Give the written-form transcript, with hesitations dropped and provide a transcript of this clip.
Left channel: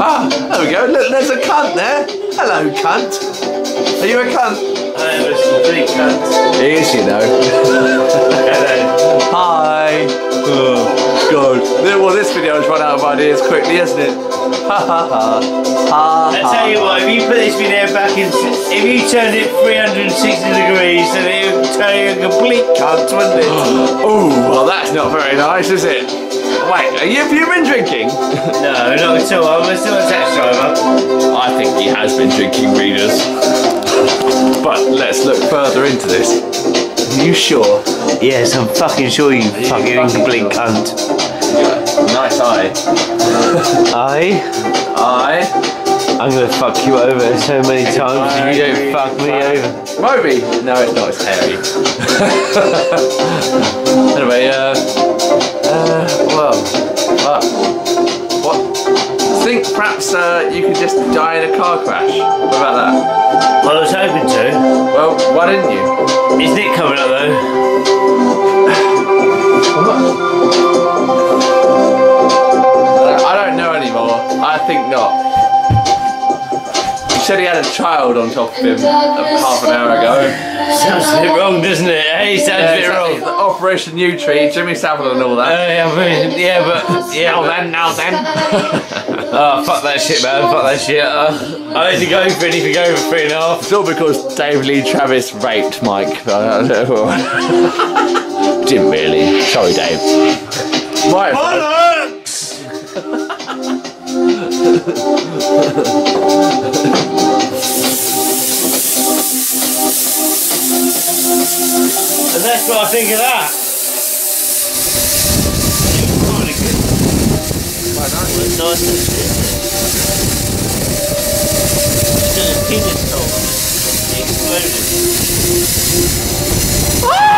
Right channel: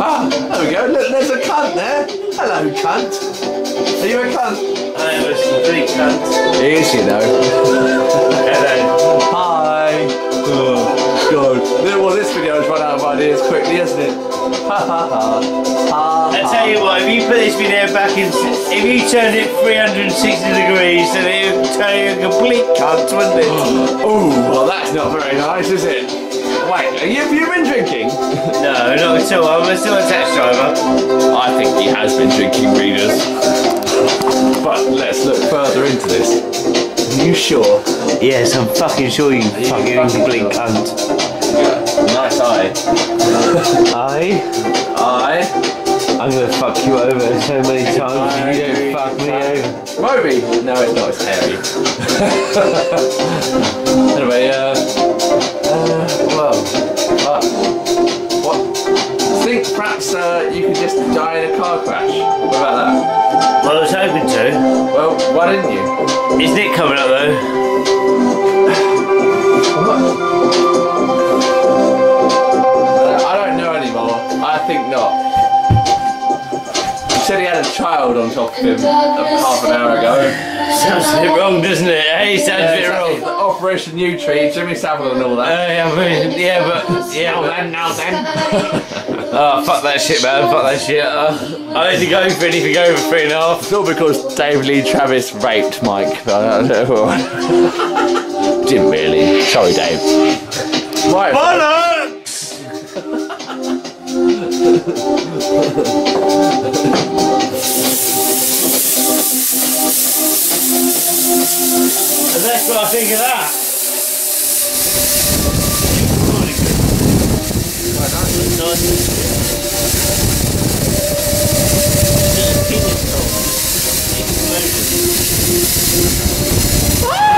Ah, there we go. Look, there's a cunt there. Hello, cunt. Are you a cunt? I am a complete cunt. He is, you know. Hello. Hi. Oh, God. Well, this video has run out of ideas quickly, hasn't it? Ha ha ha. Ha. I tell you what, if you put this video back in, if you turned it 360 degrees, then it would turn you a complete cunt, wouldn't it? Oh, well, that's not very nice, is it? Wait, have you been drinking? No, not at all. I'm still a taxi driver. I think he has been drinking, readers. But let's look further into this. Are you sure? Yes, I'm fucking sure you fucking complete cunt. Nice eye. I'm gonna fuck you over so many times if you don't fuck me over. Moby? No, it's not, it's hairy. Anyway, well, what? I think perhaps you could just die in a car crash. What about that? Well, I was hoping to. Well, why didn't you? Is Nick coming up though? I don't know anymore. I think not. He said he had a child on top of him half an hour ago. Sounds a bit wrong, doesn't it? Hey, sounds a bit wrong. Operation U Tree, Jimmy Savile and all that. I mean, yeah, but now then. Oh, fuck that shit, man. Fuck that shit. I had to go for anything over 3.5. It's all because Dave Lee Travis raped Mike. Didn't really. Sorry, Dave. Right. Bollocks! And that's what I think of that. Really good. Quite nice. It's nice actually. It's a penis hole. Exploded.